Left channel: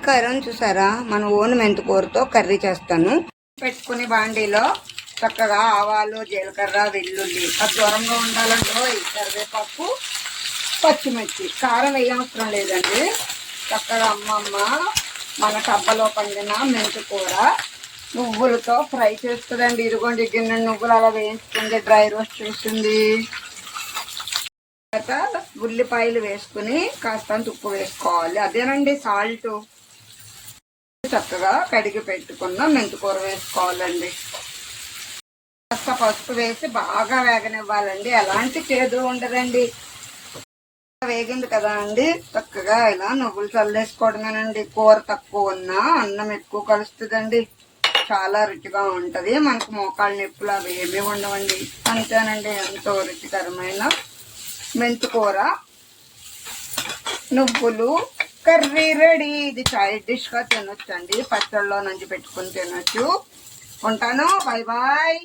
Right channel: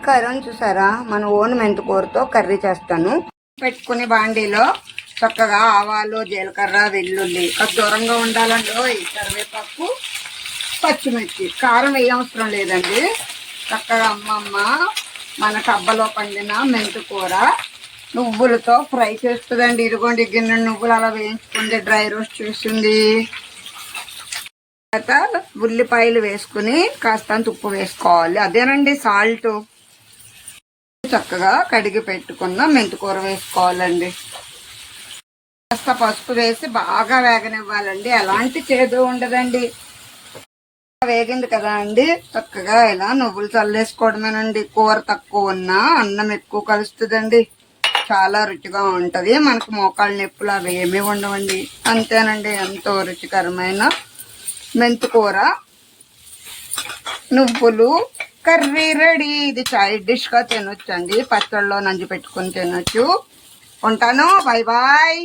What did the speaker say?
నమస్కారం. చూసారా? మన ఓన్ మెంతికూరతో కర్రీ చేస్తాను. పెట్టుకుని బాండీలో చక్కగా ఆవాలు జీలకర్ర వెల్లుల్లి. అది దూరంగా ఉండాలంటే ఈ కరివేపాకు పచ్చిమిర్చి. కారం వేయవసరం లేదండి. చక్కగా అమ్మమ్మ మన టబ్బలో పండిన మెంతికూర నువ్వులతో ఫ్రై చేస్తుందండి. ఇదిగోండి గిన్నె నువ్వులు అలా వేయించుకుంది డ్రై రోస్ట్ చేసింది తర్వాత ఉల్లిపాయలు వేసుకుని కాస్తంత ఉప్పు వేసుకోవాలి. అదేనండి సాల్ట్. చక్కగా కడిగి పెట్టుకున్న. మెంతికూర వేసుకోవాలండి. కాస్త పసుపు వేసి బాగా వేగనివ్వాలండి. ఎలాంటి చేదు ఉండదండి. వేగింది కదా అండి. చక్కగా ఇలా నువ్వులు చల్లేసుకోవడమేనండి. కూర తక్కువ ఉన్నా అన్నం ఎక్కువ కలుస్తుందండి. చాలా రుచిగా ఉంటది. మనకు మోకాళ్ళ నొప్పులు అవి ఏమీ ఉండవండి. అంతేనండి. ఎంతో రుచికరమైన మెంతికూర నువ్వులు కర్రీ రెడీ. ఇది సైడ్ డిష్గా తినొచ్చండి. పచ్చళ్ళలో నంజి పెట్టుకుని తినొచ్చు. ఉంటాను. Bye bye